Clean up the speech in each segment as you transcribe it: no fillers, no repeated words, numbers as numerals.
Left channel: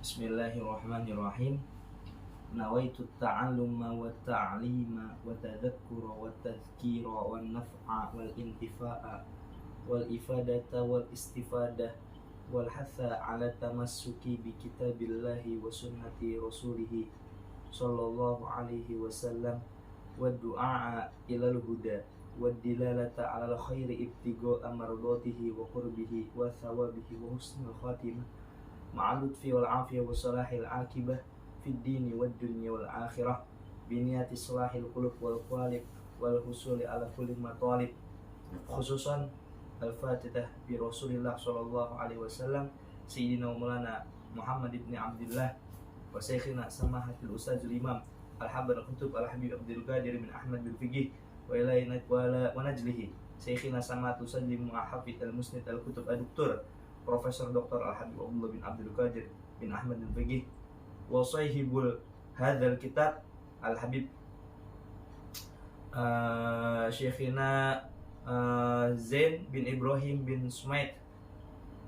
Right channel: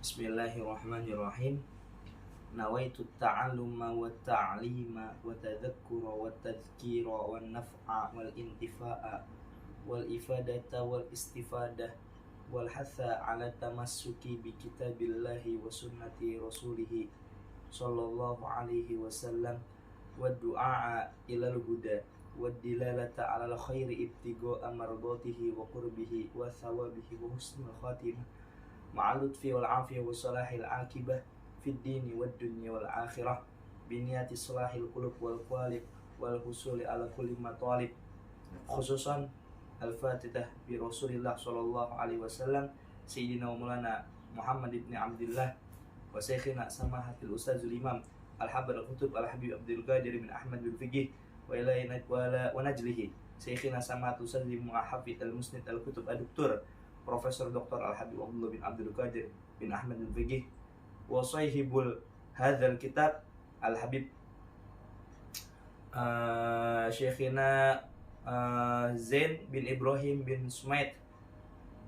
Bismillahirrahmanirrahim. Nawaitu ta'alluma wa ta'lima wa tadhakkura wa tadhkira wa naf'a wal intifa'a wal ifadata wal istifadah wal hatha ala tamassuki bi kitabillahi wa sunnati rasulihi sallallahu alaihi wasallam wa du'a ilal huda wa dilalata ala al khairi ibtigo amardatihi wa qurbihi wa thawabihi wa husnul khatimah ma'al lutfi wal afiyah wa salahil akibah fid dini wad dunya wal akhirah biniyati salahil qulub wal qalib wal husuli ala kulli matalib khususan al-fatihah bi Rasulillah sallallahu alaihi wasallam sayyidina wa maulana Muhammad ibn Abdullah wa syekhina samahatil ustazul imam al-habar al-kutub al-habib Abdul Qadir bin Ahmad bin Fiqih wa ilaina wa najlihi syekhina samahatul ustazul muhafid al-musnid al-kutub ad-doktor Profesor Dr. Al-Habib Abdullah bin Abdul Qadir bin Ahmad bin Fiqih wa sahibul hadzal kitab Al-Habib Syekhina Zain bin Ibrahim bin Sumaid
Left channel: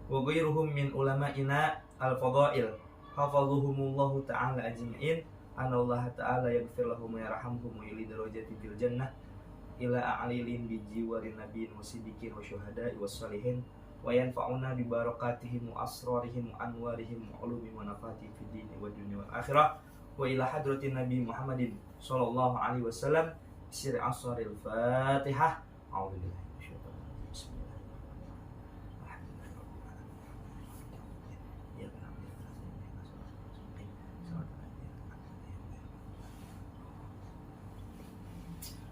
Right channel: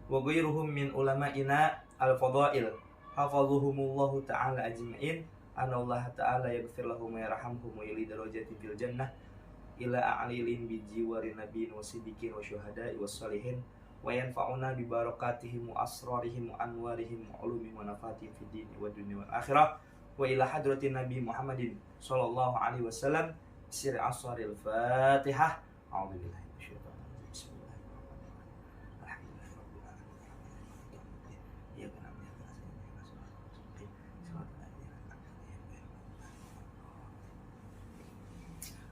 wa ghairuhum min ulama'ina al-fadail hafadhuhumullahu ta'ala ajma'in anallahu ta'ala yaghfir lahum wa yarhamhum wa yuli darajati fil jannah ila a'lilin bi jiwari nabiyyin wa siddiqin wa syuhada'i was salihin wa yanfa'una bi barakatihim wa asrarihim wa anwarihim wa ulumihim wa nafatihim fid dini wa dunya wal akhirah wa ila hadratin nabi Muhammadin sallallahu alaihi wasallam sir asraril fatihah. A'udzubillahi minasyaitonir rajim. Bismillahirrahmanirrahim. Alhamdulillahirabbil alamin. Ya kana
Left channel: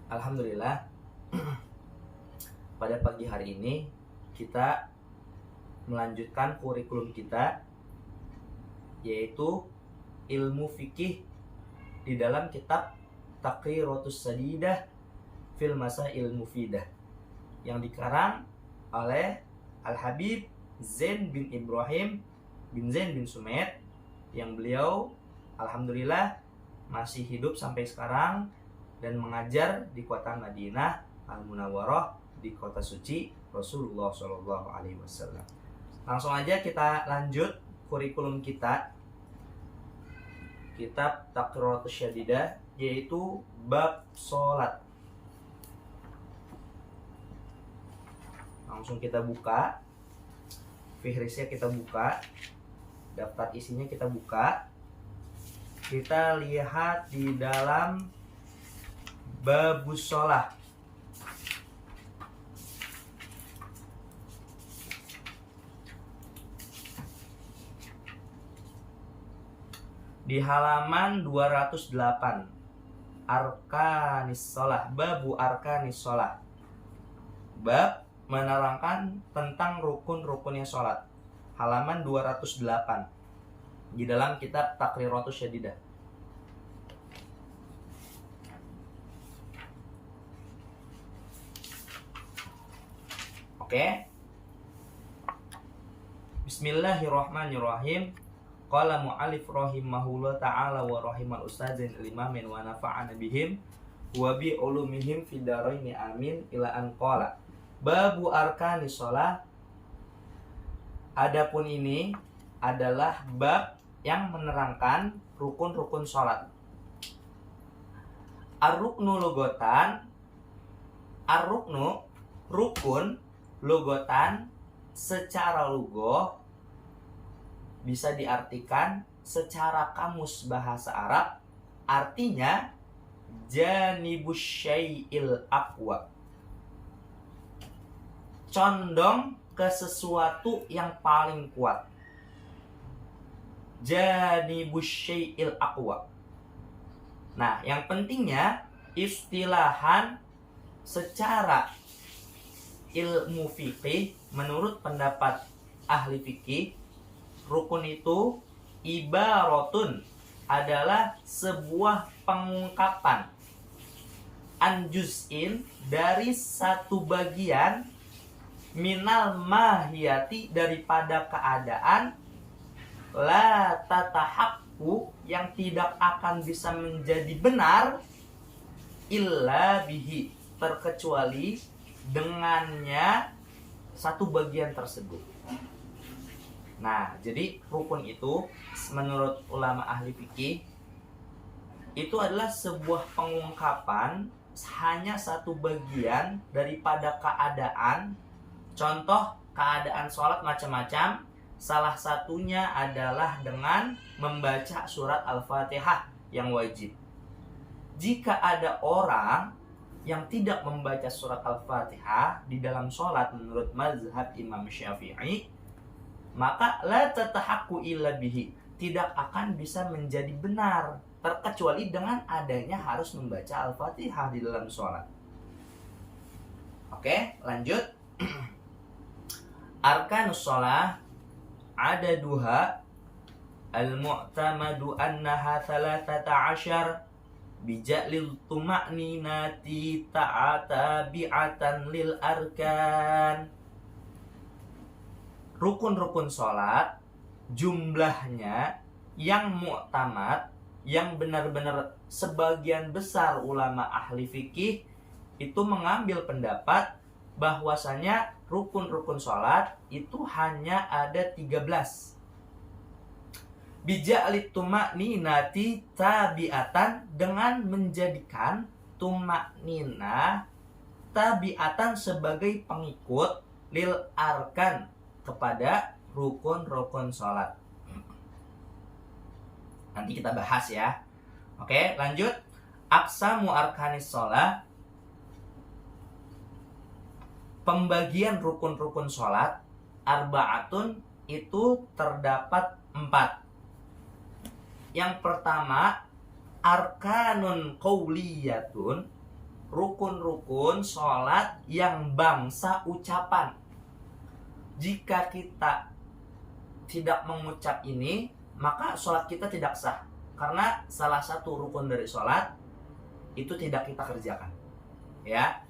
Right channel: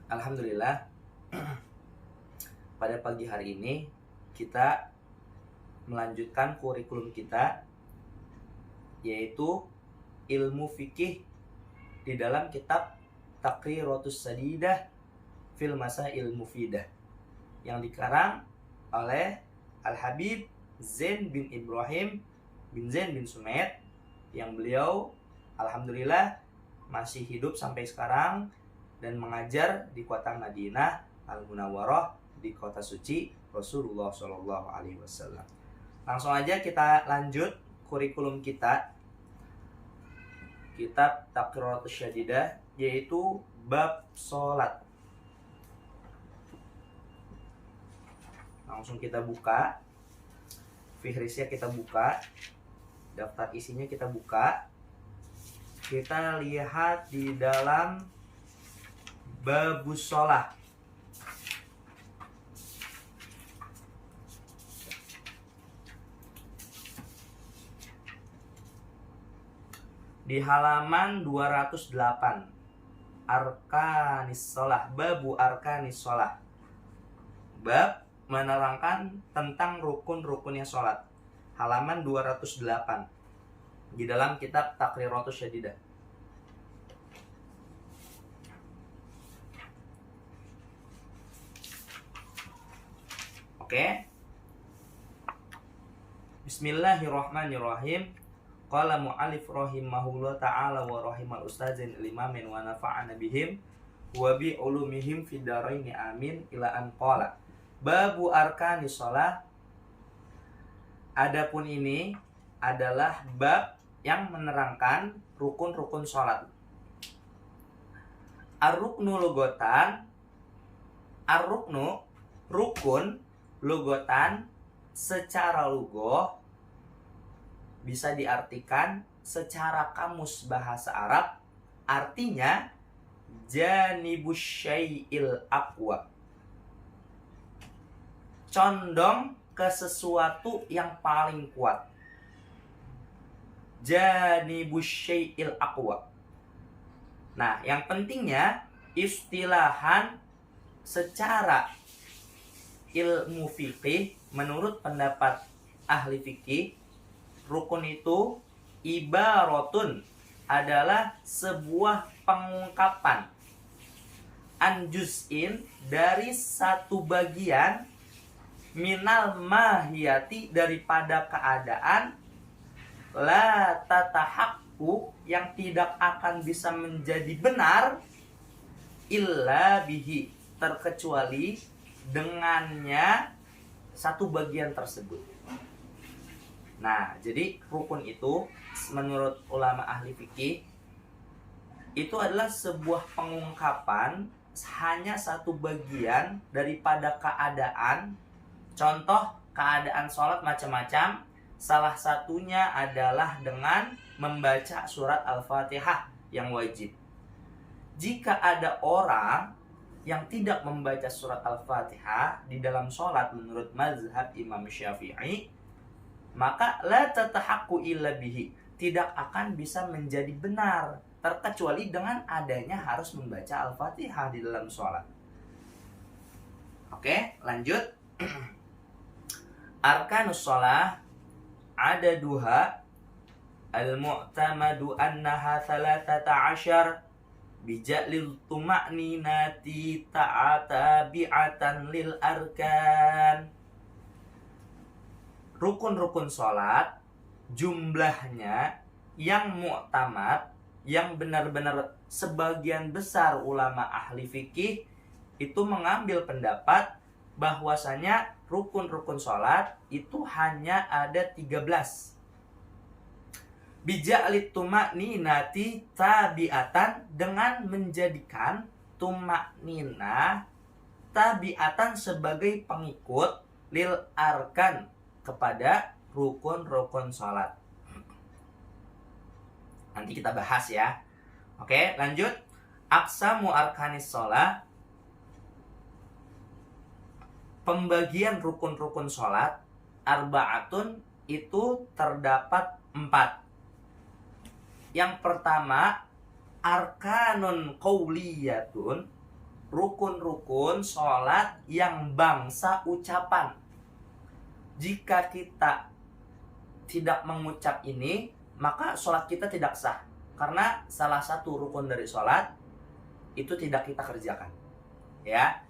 Alhamdulillah. Pada pagi hari ini kita melanjutkan kurikulum kita, yaitu ilmu fikih di dalam kitab Taqriratus Sadidah fil Masail Mufidah yang dikarang oleh Al-Habib Zain bin Ibrahim bin Zain bin Sumaid, yang beliau alhamdulillah masih hidup sampai sekarang dan mengajar di kota Madinah Al-Munawwarah, di kota suci Rasulullah Shallallahu Alaihi Wasallam. Langsung aja kita lanjut kurikulum kita, kitab Taqriratus Syadidah, yaitu bab sholat. Langsung kita buka, fihrisnya kita buka, daftar isinya kita buka. Kita lihat di dalam babus sholat. Di halaman 208, Arkanis Sholah, babu Arkanis Sholah, bab menerangkan tentang rukun-rukunnya sholat, halaman 208 di dalam kitab Taqriratus Syadidah. Oke. Bismillahirrahmanirrahim. Qala mu'alif rahimahullah ta'ala wa rahimal ustazin limamin wa nafa'ana bihim wa bi ulumihim fid daraini amin ila an qala babu arkani sholat. Adapun ini adalah bab yang menerangkan rukun-rukun sholat. Ar-ruknu logotan, ar-ruknu rukun, logotan secara lugoh bisa diartikan secara kamus bahasa Arab, artinya janibus syai'il aqwa, condong ke sesuatu yang paling kuat. Janibus syai'il aqwa. Nah, yang pentingnya istilahan secara ilmu fikih, menurut pendapat ahli fikih, rukun itu ibaratun, adalah sebuah pengungkapan, anjuz'in, dari satu bagian, minal mahiyati, daripada keadaan, la tatahakku, yang tidak akan bisa menjadi benar, illa bihi, terkecuali dengannya satu bagian tersebut. Nah, jadi rukun itu menurut ulama ahli fikih itu adalah sebuah pengungkapan hanya satu bagian daripada keadaan. Contoh keadaan sholat macam-macam. Salah satunya adalah dengan membaca surat Al-Fatihah yang wajib. Jika ada orang yang tidak membaca surat Al-Fatihah di dalam sholat menurut mazhab Imam Syafi'i, maka la tatahaqqu illa bihi, tidak akan bisa menjadi benar terkecuali dengan adanya harus membaca Al-Fatihah di dalam sholat. Oke, lanjut. Arkanus sholah ada duha al-mu'tamadu annaha 13 bija'lil tuma'ninati ta'ata bi'atan lil arkan. Rukun-rukun sholat jumlahnya yang mu'tamad, yang benar-benar sebagian besar ulama ahli fikih itu mengambil pendapat bahwasanya rukun-rukun sholat itu hanya ada 13. Bija'lit tuma'ninati tabi'atan, dengan menjadikan tuma'ninah tabi'atan sebagai pengikut lil arkan, kepada rukun-rukun sholat. Nanti kita bahas ya. Oke, lanjut. Aqsamu arkanis sholat, pembagian rukun-rukun sholat, arba'atun, itu terdapat 4. Yang pertama, arkanun qauliyatun, rukun-rukun sholat yang bangsa ucapan. Jika kita tidak mengucap ini, maka sholat kita tidak sah. Karena salah satu rukun dari sholat itu tidak kita kerjakan. Ya.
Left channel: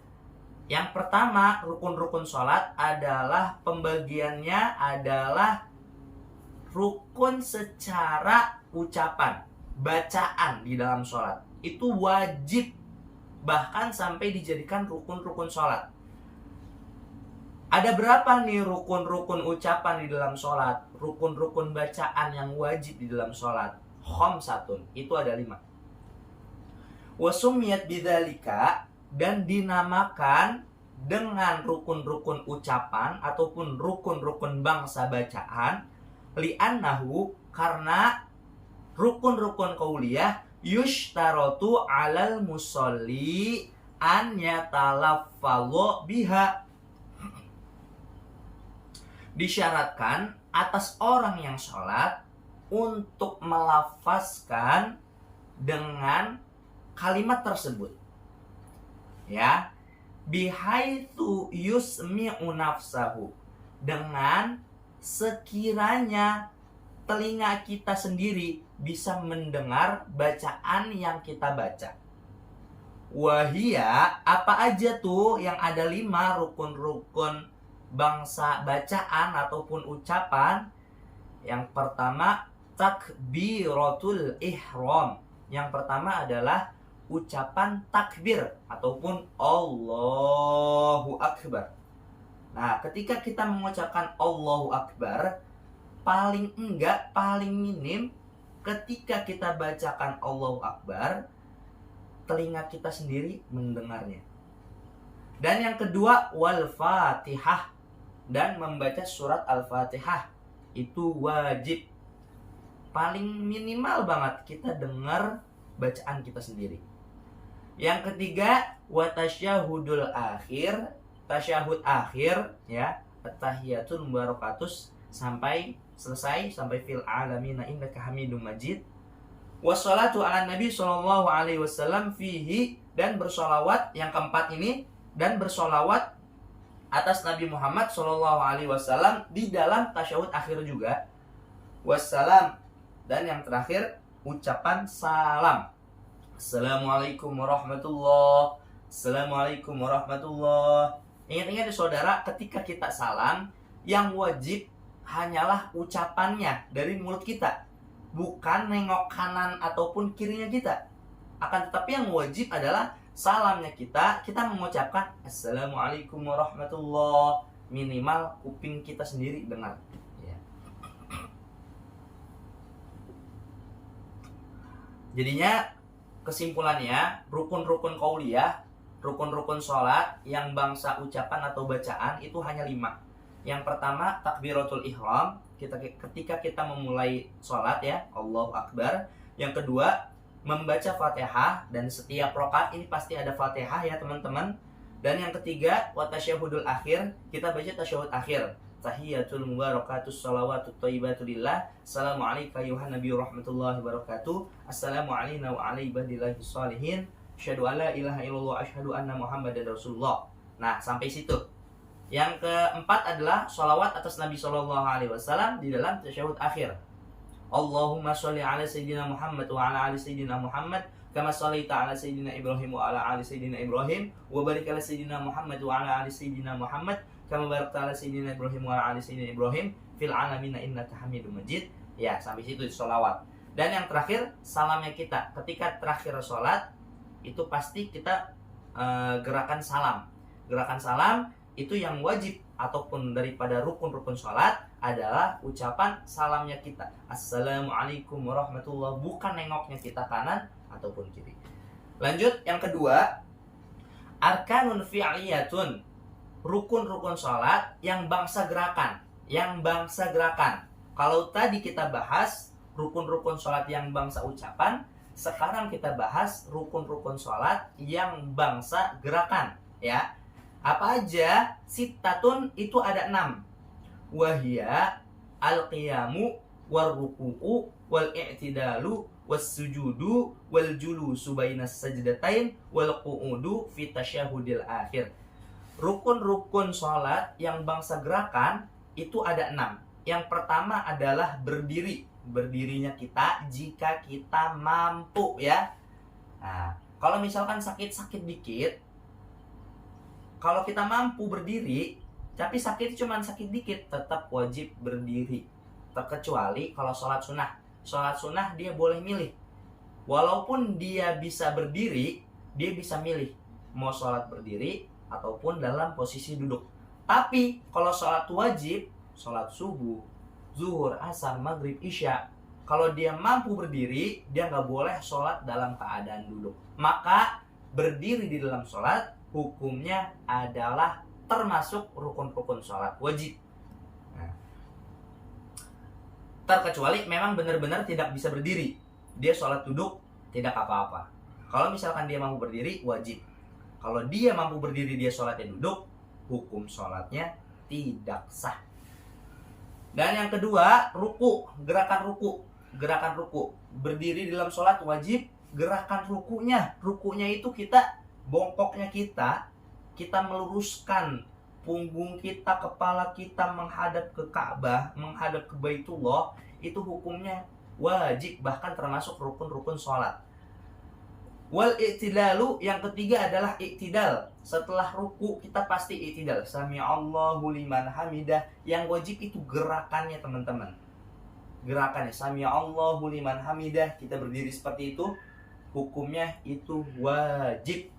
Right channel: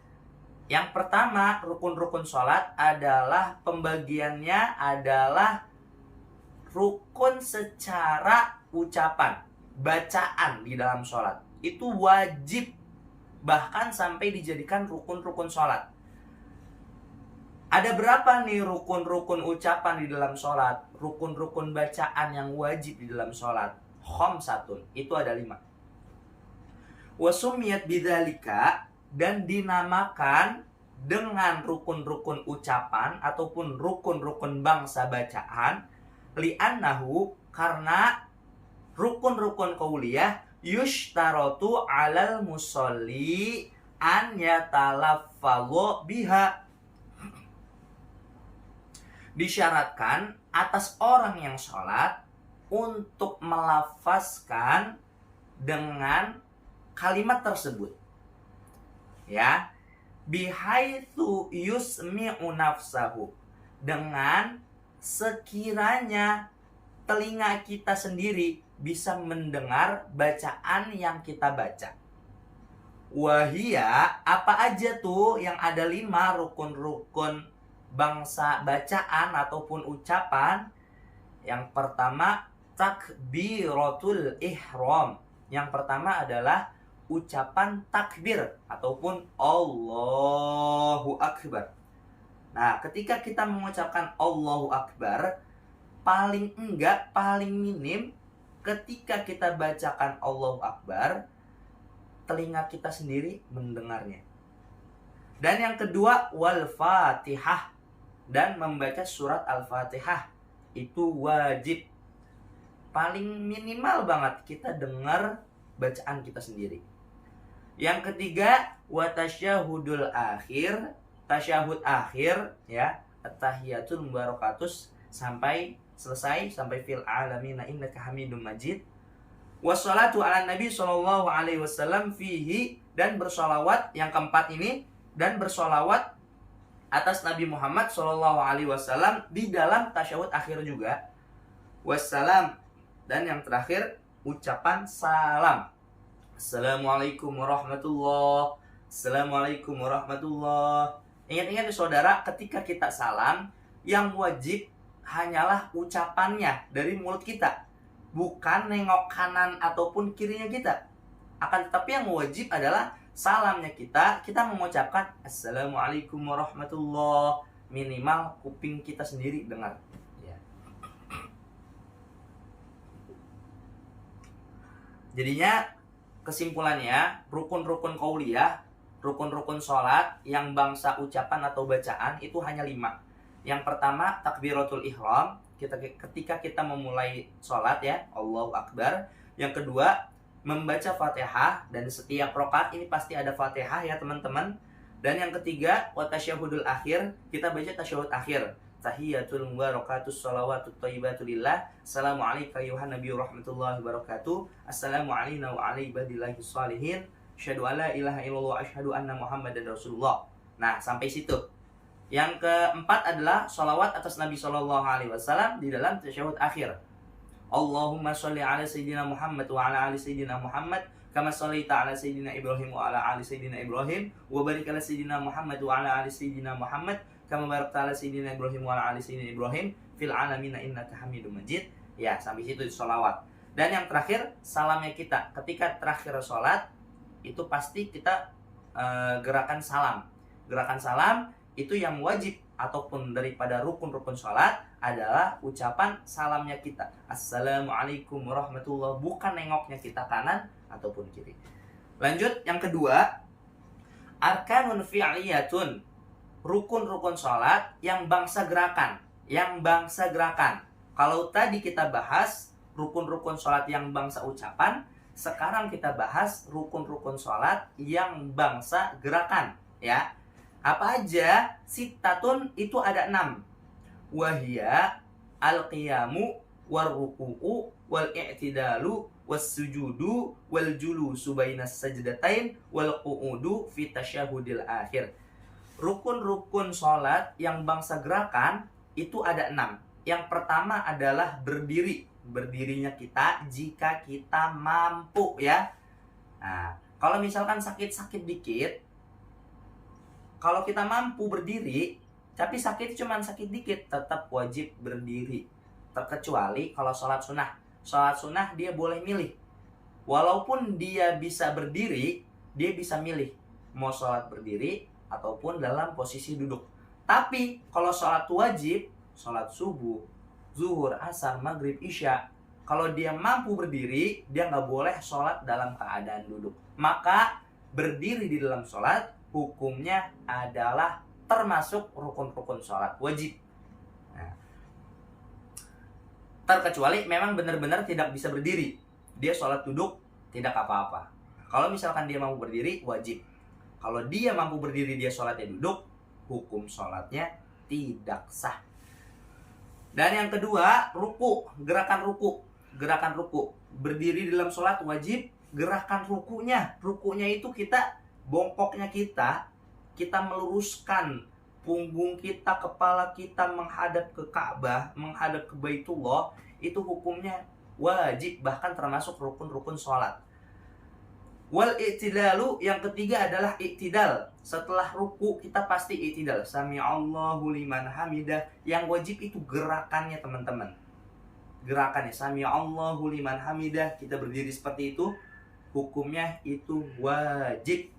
Yang pertama, rukun-rukun sholat adalah pembagiannya adalah rukun secara ucapan, bacaan di dalam sholat. Itu wajib, bahkan sampai dijadikan rukun-rukun sholat. Ada berapa nih rukun-rukun ucapan di dalam sholat? Rukun-rukun bacaan yang wajib di dalam sholat. Khamsatun, itu ada 5. Wasumiyat bidzalika, dan dinamakan dengan rukun-rukun ucapan ataupun rukun-rukun bangsa bacaan, li'annahu, karena rukun-rukun qauliyah yushtaratu 'alal musolli an yatalaffalu biha, disyaratkan atas orang yang sholat untuk melafazkan dengan kalimat tersebut, ya, bihaitsu yusmi'u nafsahu, dengan sekiranya telinga kita sendiri bisa mendengar bacaan yang kita baca. Wahia, apa aja tuh yang ada 5 rukun-rukun bangsa bacaan ataupun ucapan? Yang pertama, takbiratul ihram. Yang pertama adalah ucapan takbir ataupun Allahu Akbar. Nah, ketika kita mengucapkan Allahu Akbar, paling minim ketika kita bacakan Allahu Akbar, telinga kita sendiri mendengarnya. Dan yang kedua, wal Fatihah, dan membaca surat Al-Fatihah itu wajib. Paling minimal banget kita dengar bacaan kita sendiri. Yang ketiga, wa tasyahudul akhir, tasyahud akhir, ya, at-tahiyatul mubarakatus, sampai selesai, sampai fil alamina innaka hamidum majid. Wassalatu ala nabi sallallahu alaihi wasallam fihi, dan bersolawat. Yang keempat ini, dan bersolawat atas Nabi Muhammad sallallahu alaihi wasallam di dalam tasyahud akhir juga. Wassalam, dan yang terakhir ucapan salam. Assalamualaikum warahmatullah. Assalamualaikum warahmatullah. Ingat-ingat nih saudara, ketika kita salam, yang wajib hanyalah ucapannya dari mulut kita, bukan nengok kanan ataupun kirinya kita. Akan tetapi yang wajib adalah salamnya kita mengucapkan Assalamualaikum warahmatullah, minimal kuping kita sendiri dengar, ya. Jadinya kesimpulannya, rukun-rukun qauliyah, rukun-rukun sholat yang bangsa ucapan atau bacaan itu hanya 5. Yang pertama, takbiratul ihram, ketika kita memulai sholat ya, Allahu Akbar. Yang kedua, membaca Fatihah, dan setiap rakaat ini pasti ada Fatihah ya teman-teman. Dan yang ketiga, wa tasyahudul akhir, kita baca tasyahud akhir. Tahiyatul mubarakatus salawatut thayyibatu lillah. Assalamu alayka ayuhan nabiyyu rahmatullahi wabarakatuh. Assalamu alayna wa ala ibadillahi shalihin. Asyhadu alla ilaha illallah asyhadu anna muhammadan rasulullah. Nah, sampai situ. Yang keempat adalah sholawat atas Nabi Shallallahu Alaihi Wasallam di dalam tasyahud akhir. Allahumma sholli ala sayyidina Muhammad wa ala ali sayyidina Muhammad kama shallaita ala sayyidina Ibrahim wa ala ali sayyidina Ibrahim wa barik ala sayyidina Muhammad wa ala ali sayyidina Muhammad kama barakta ala sayyidina Ibrahim wa ala ali sayyidina Ibrahim fil alamin innaka Hamidum Majid. Ya, sampai situ sholawat. Dan yang terakhir, salamnya kita. Ketika terakhir sholat, itu pasti kita gerakan salam. Gerakan salam itu yang wajib ataupun daripada rukun-rukun sholat adalah ucapan salamnya kita. Assalamualaikum warahmatullahi wabarakatuh. Bukan nengoknya kita kanan ataupun kiri. Lanjut, yang kedua, arkanun fi'liyatun, rukun-rukun sholat yang bangsa gerakan. Yang bangsa gerakan. Kalau tadi kita bahas rukun-rukun sholat yang bangsa ucapan, sekarang kita bahas rukun-rukun sholat yang bangsa gerakan. Ya, apa aja? Sittatun, itu ada 6. Wahia al-qiyamu war-ruku'u wal-i'tidalu was-sujudu wal-julusu bainas sajdatain wal-qu'udu fi tasyahudil akhir. Rukun-rukun sholat yang bangsa gerakan itu ada 6. Yang pertama adalah berdiri. Berdirinya kita jika kita mampu ya. Nah, kalau misalkan sakit-sakit dikit, kalau kita mampu berdiri, tapi sakit cuma sakit dikit, tetap wajib berdiri. Terkecuali kalau sholat sunnah. Sholat sunnah dia boleh milih. Walaupun dia bisa berdiri, dia bisa milih mau sholat berdiri ataupun dalam posisi duduk. Tapi kalau sholat wajib, sholat subuh, zuhur, asar, maghrib, isya, kalau dia mampu berdiri, dia nggak boleh sholat dalam keadaan duduk. Maka berdiri di dalam sholat hukumnya adalah termasuk rukun-rukun sholat wajib. Nah, terkecuali memang benar-benar tidak bisa berdiri, dia sholat duduk tidak apa-apa. Kalau misalkan dia mampu berdiri, wajib. Kalau dia mampu berdiri, dia sholatnya duduk, hukum sholatnya tidak sah. Dan yang kedua, ruku, gerakan ruku. Gerakan ruku, berdiri di dalam sholat wajib. Gerakan rukunya itu kita, bongkoknya kita meluruskan punggung kita, kepala kita menghadap ke Ka'bah, menghadap ke Baitullah. Itu hukumnya wajib, bahkan termasuk rukun-rukun sholat. Wal i'tidalu, yang ketiga adalah i'tidal. Setelah ruku kita pasti i'tidal. Sami'allahu liman hamidah. Yang wajib itu gerakannya teman-teman. Gerakannya Sami'allahu liman hamidah, kita berdiri seperti itu, hukumnya itu wajib.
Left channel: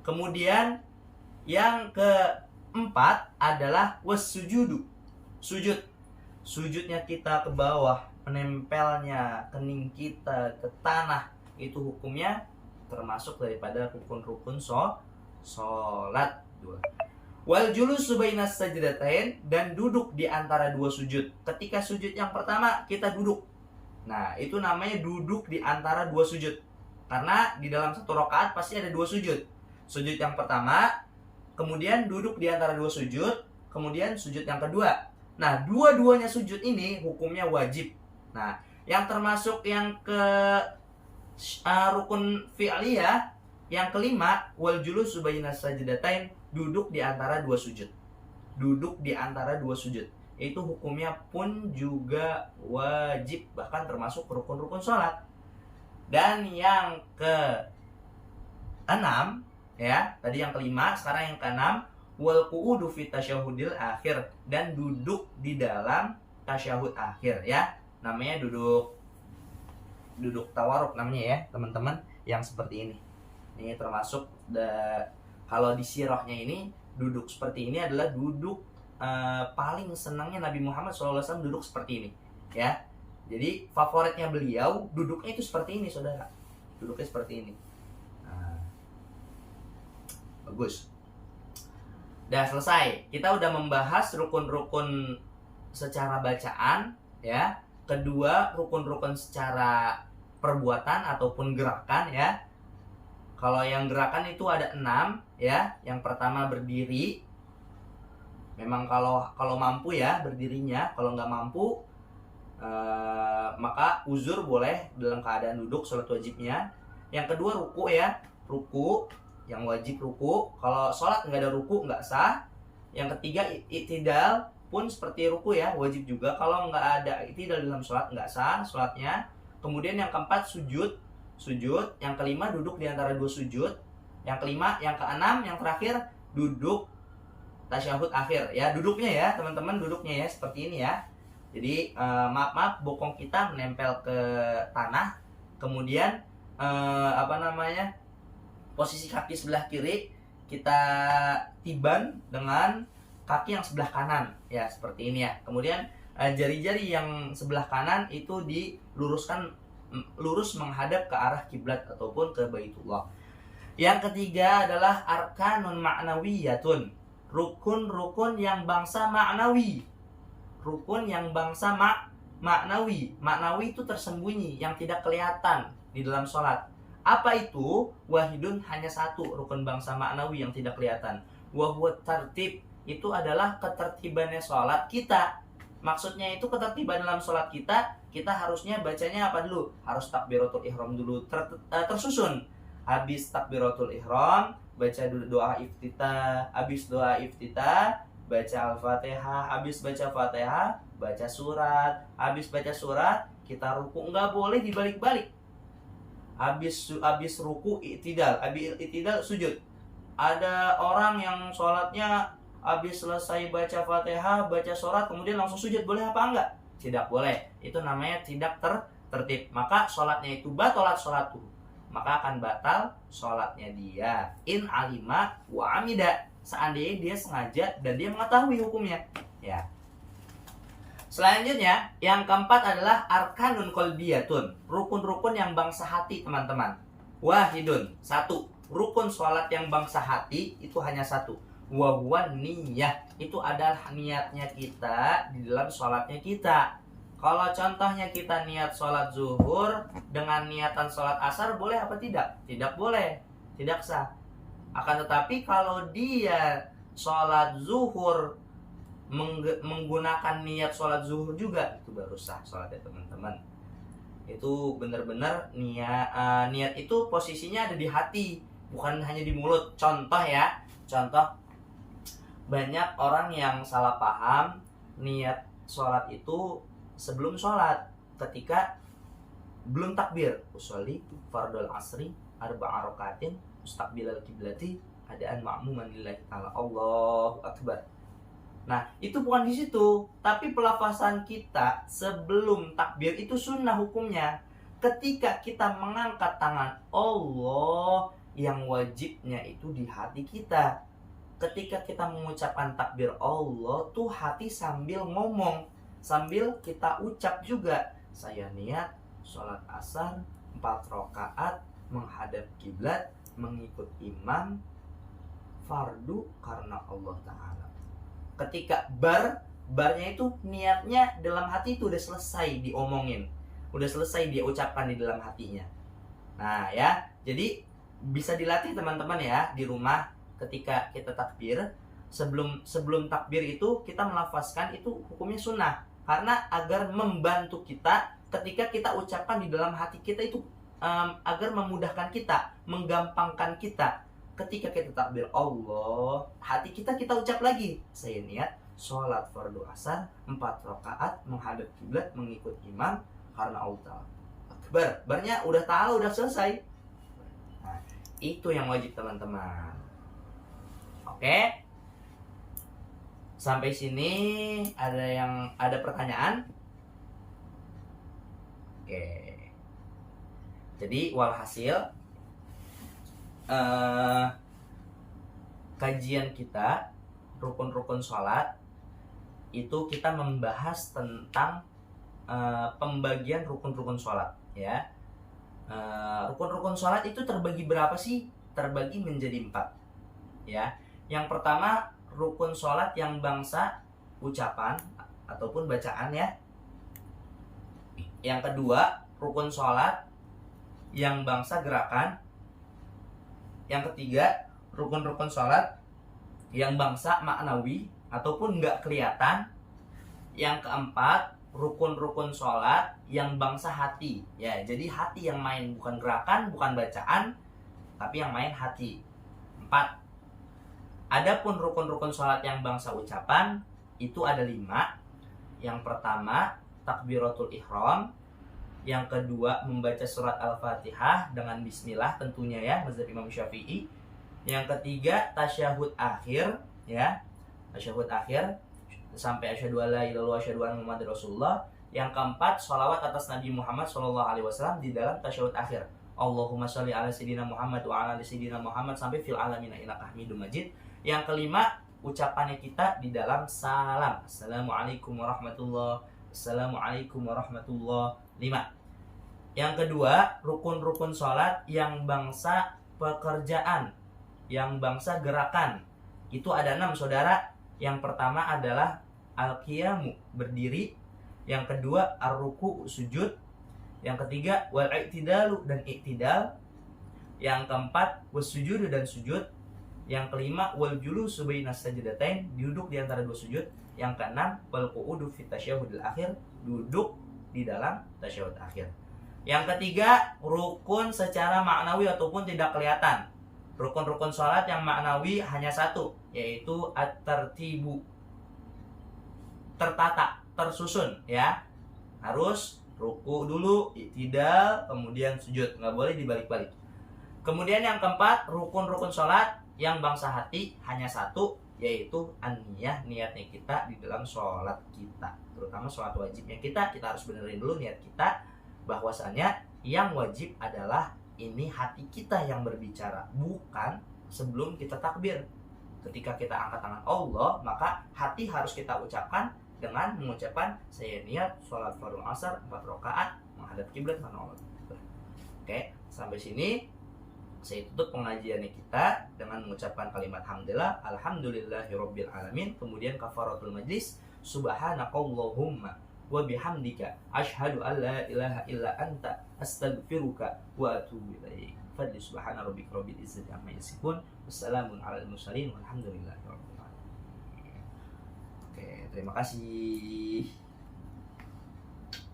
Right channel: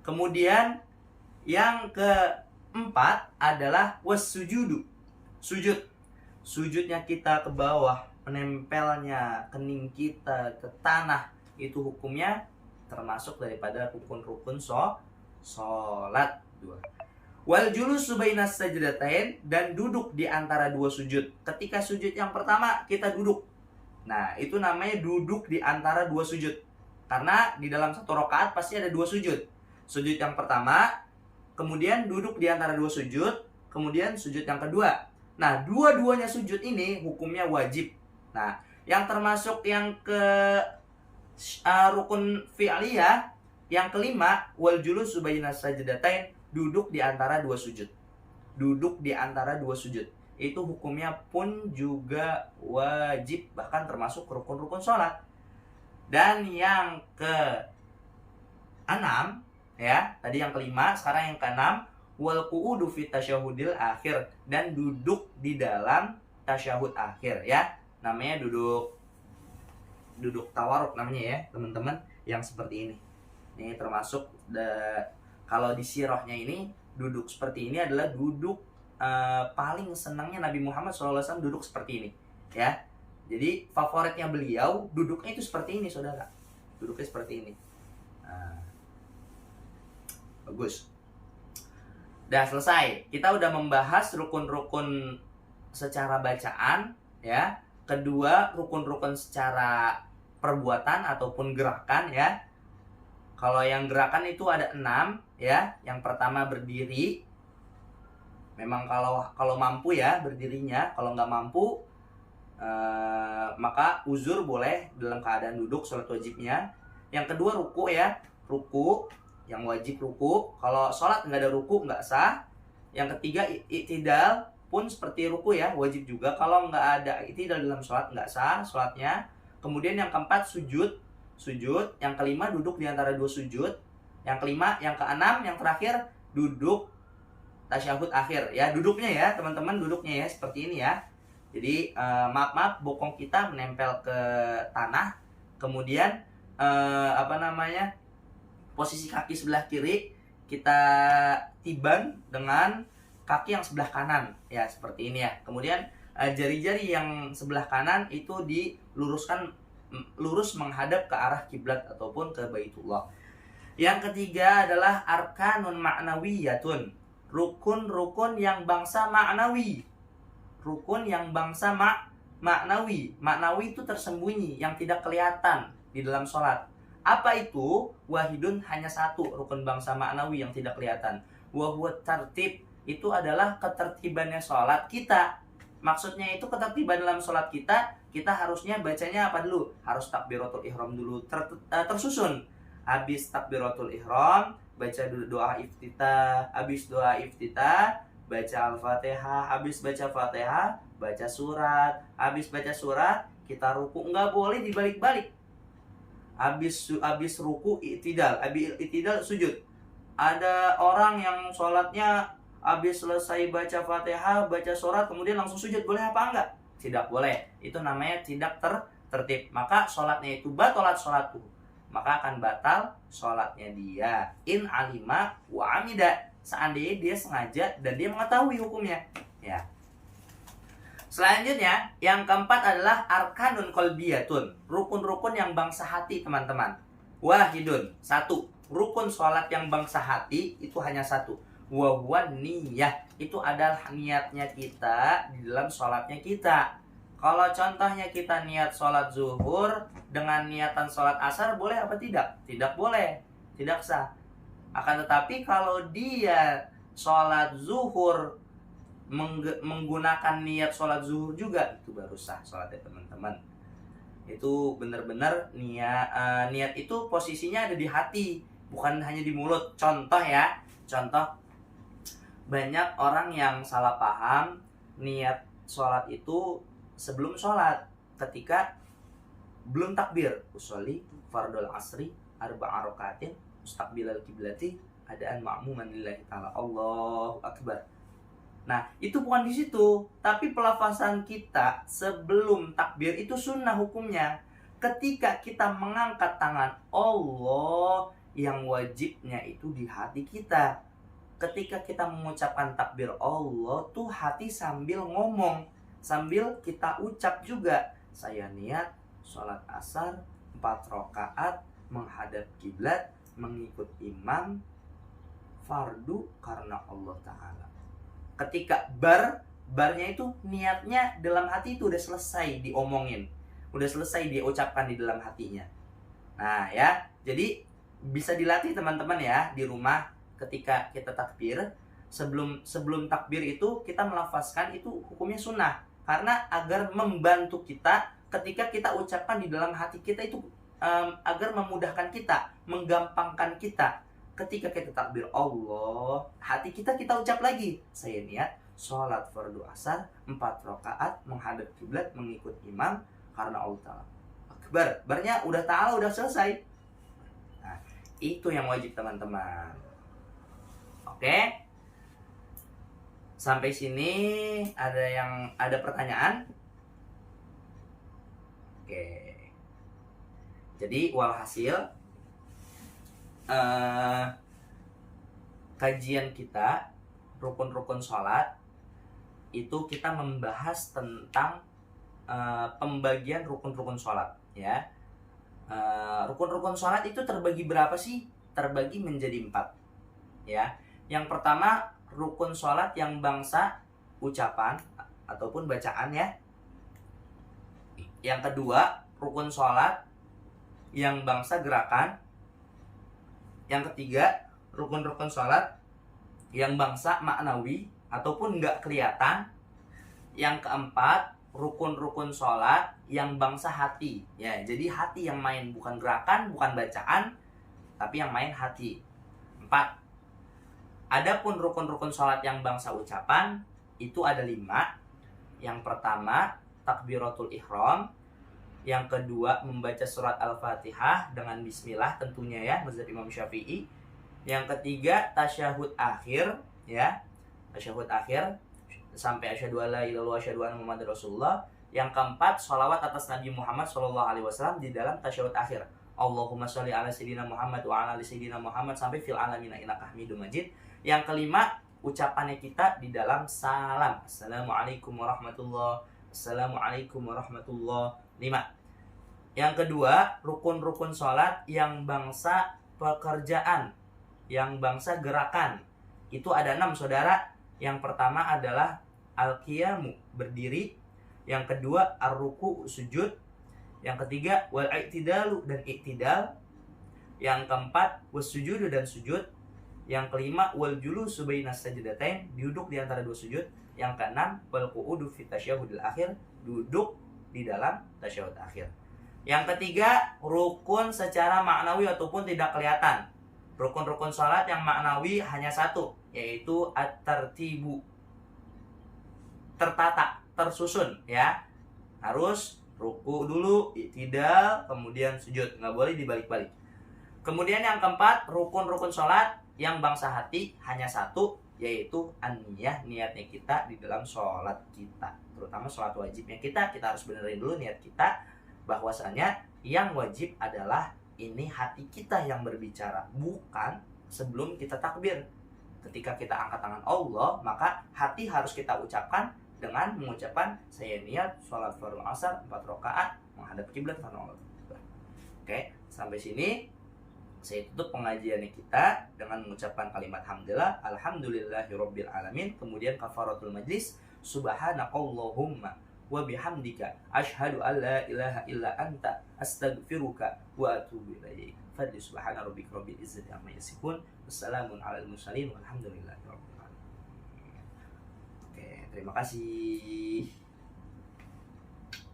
Kemudian yang keempat adalah wassujudu. Sujudnya kita ke bawah, menempelnya kening kita ke tanah, itu hukumnya termasuk daripada rukun-rukun sholat. Wal julusu bainas sajdatain, dan duduk di antara dua sujud. Ketika sujud yang pertama kita duduk. Nah, itu namanya duduk di antara dua sujud. Karena di dalam satu rakaat pasti ada dua sujud. Sujud yang pertama, kemudian duduk di antara dua sujud, kemudian sujud yang kedua. Nah, dua-duanya sujud ini hukumnya wajib. Nah, yang termasuk yang ke rukun fi'liyah, yang kelima, wal julusu bainas sajdatain, duduk di antara dua sujud. Duduk di antara dua sujud. Itu hukumnya pun juga wajib, bahkan termasuk rukun-rukun sholat. Dan yang keenam, ya, tadi yang kelima, sekarang yang keenam, wal qu'udu fi tasyahudil akhir, dan duduk di dalam tasyahud akhir ya. Namanya duduk tawaruk namanya ya, teman-teman, yang seperti ini. Ini termasuk kalau di sirahnya ini, duduk seperti ini adalah duduk paling senangnya Nabi Muhammad SAW, duduk seperti ini ya. Jadi favoritnya beliau duduknya itu seperti ini, saudara. Duduknya seperti ini. Nah, bagus. Udah selesai. Kita udah membahas rukun-rukun secara bacaan, ya. Kedua, rukun-rukun secara perbuatan ataupun gerakan, ya. Kalau yang gerakan itu ada 6, ya. Yang pertama berdiri. Memang kalau mampu ya berdirinya. Kalau nggak mampu, maka uzur boleh dalam keadaan duduk sholat wajibnya. Yang kedua ruku, ya. Ruku, yang wajib ruku. Kalau sholat nggak ada ruku nggak sah. Yang ketiga i'tidal pun seperti ruku, ya, wajib juga. Kalau nggak ada i'tidal dalam sholat nggak sah sholatnya. Kemudian yang keempat sujud. Yang kelima duduk di antara dua sujud. Yang kelima, yang keenam, yang terakhir duduk tasyahud akhir, ya. Duduknya ya teman-teman, duduknya ya seperti ini, ya. Jadi maaf bokong kita menempel ke tanah. Kemudian posisi kaki sebelah kiri kita tiban dengan kaki yang sebelah kanan, ya, seperti ini, ya. Kemudian jari-jari yang sebelah kanan itu diluruskan lurus menghadap ke arah kiblat ataupun ke Baitullah. Yang ketiga adalah arkanun ma'nawiyatun, rukun-rukun yang bangsa ma'nawi. Rukun yang bangsa maknawi. Maknawi itu tersembunyi, yang tidak kelihatan di dalam sholat. Apa itu? Wahidun, hanya satu rukun bangsa maknawi yang tidak kelihatan. Wahuwa tartib, itu adalah ketertibannya sholat kita. Maksudnya itu ketertiban dalam sholat kita harusnya bacanya apa dulu? Harus takbiratul ihram dulu tersusun. Habis takbiratul ihram, baca doa iftitah. Habis doa iftitah, baca Al-Fatihah. Habis baca Fatihah, baca surat. Habis baca surat, kita ruku. Nggak boleh dibalik-balik. Habis ruku i'tidal. Habis i'tidal sujud. Ada orang yang sholatnya habis selesai baca Fatihah, baca surat, kemudian langsung sujud. Boleh apa enggak? Tidak boleh. Itu namanya tidak tertib. Maka sholatnya itu batalat sholatuh. Maka akan batal sholatnya dia. In alima wa amida, seandainya dia sengaja dan dia mengetahui hukumnya, ya. Selanjutnya, yang keempat adalah arkanun qalbiyatun, rukun-rukun yang bangsa hati, teman-teman. Wahidun, satu. Rukun sholat yang bangsa hati itu hanya satu. Wahuwan niyah, itu adalah niatnya kita di dalam sholatnya kita. Kalau contohnya kita niat sholat zuhur dengan niatan sholat asar, boleh apa tidak? Tidak boleh, tidak sah. Akan tetapi kalau dia sholat zuhur menggunakan niat sholat zuhur juga, itu baru sah sholatnya, teman-teman. Itu benar-benar niat itu posisinya ada di hati, bukan hanya di mulut. Contoh, ya, contoh, banyak orang yang salah paham niat sholat itu sebelum sholat, ketika belum takbir. Usolli fardul asri arba'a rakatin mustaqbilal kiblati adaan ma'muman lillahi ta'ala, Allahu akbar. Nah, itu bukan di situ, tapi pelafasan kita sebelum takbir itu sunnah hukumnya. Ketika kita mengangkat tangan, Allah, yang wajibnya itu di hati kita. Ketika kita mengucapkan takbir Allah tuh hati sambil ngomong, sambil kita ucap juga. Saya niat sholat asar 4 rakaat menghadap kiblat, mengikut imam, fardu karena Allah Ta'ala. Ketika barnya itu niatnya dalam hati itu udah selesai diomongin, udah selesai dia ucapkan di dalam hatinya. Nah, ya, jadi bisa dilatih teman-teman, ya, di rumah. Ketika kita takbir, sebelum takbir itu kita melafazkan, itu hukumnya sunnah. Karena agar membantu kita ketika kita ucapkan di dalam hati kita itu, agar memudahkan kita, menggampangkan kita. Ketika kita takbir Allah, hati kita ucap lagi, saya niat sholat fardu asar 4 rakaat menghadap kiblat, mengikut imam karena Allah. Akbar, barnya udah ta'ala, udah selesai. Nah, itu yang wajib, teman-teman. Oke, sampai sini ada pertanyaan? Oke, jadi walhasil kajian kita rukun-rukun sholat itu kita membahas tentang pembagian rukun-rukun sholat ya. Rukun-rukun sholat itu terbagi berapa sih? Terbagi menjadi 4 ya. Yang pertama rukun sholat yang bangsa ucapan ataupun bacaan ya. Yang kedua rukun sholat yang bangsa gerakan. Yang ketiga rukun-rukun sholat yang bangsa maknawi ataupun nggak kelihatan. Yang keempat rukun-rukun sholat yang bangsa hati ya, jadi hati yang main, bukan gerakan, bukan bacaan, tapi yang main hati. 4. Adapun rukun-rukun sholat yang bangsa ucapan itu ada 5. Yang pertama takbiratul ihram, yang kedua membaca surat al-fatihah dengan bismillah tentunya ya, mazhab Imam Syafi'i. Yang ketiga tasyahud akhir ya, tasyahud akhir sampai asyhadu alla ilaha illallah asyhadu anna muhammadar rasulullah. Yang keempat sholawat atas Nabi Muhammad SAW di dalam tasyahud akhir, Allahumma sholli ala sayyidina Muhammad wa ala ali sayyidina Muhammad sampai fil alamina innaka hamidum majid. Yang kelima ucapannya kita di dalam salam, assalamualaikum warahmatullah, assalamualaikum warahmatullah. 5. Yang kedua rukun-rukun sholat yang bangsa pekerjaan, yang bangsa gerakan, itu ada 6 saudara. Yang pertama adalah al-qiyamu, berdiri. Yang kedua ar-ruku, sujud. Yang ketiga wal-i'tidalu, dan i'tidal. Yang keempat was-sujudu, dan sujud. Yang kelima wal-julusu bainas sajdatain, duduk di antara 2 sujud. Yang keenam wal-qu'udu fit tasyahudil akhir, duduk di dalam tasyahud akhir. Yang ketiga rukun secara maknawi ataupun tidak kelihatan. Rukun-rukun sholat yang maknawi hanya 1, yaitu at-tartibu, tertata, tersusun ya. Harus ruku dulu, i'tidal, kemudian sujud, nggak boleh dibalik-balik. Kemudian yang keempat rukun-rukun sholat yang bangsa hati hanya 1, yaitu an-niyah, niatnya kita di dalam sholat kita, terutama sholat wajibnya kita harus benerin dulu niat kita, bahwasanya yang wajib adalah ini hati kita yang berbicara, bukan sebelum kita takbir. Ketika kita angkat tangan Allah, maka hati harus kita ucapkan dengan mengucapkan saya niat sholat fardhu asar 4 rakaat menghadap kiblat Allah. Oke, sampai sini saya tutup pengajiannya kita dengan mengucapkan kalimat hamdalah, alhamdulillahirabbil alamin, kemudian kafaratul majlis, subhanakallahumma wa bihamdika asyhadu an la ilaha illa anta astaghfiruka wa atubu ilaik. Fadli subhana rabbika rabbil izzati amma yasifun, wassalamun alal mursalin walhamdulillahi rabbil alamin. Oke, terima kasih.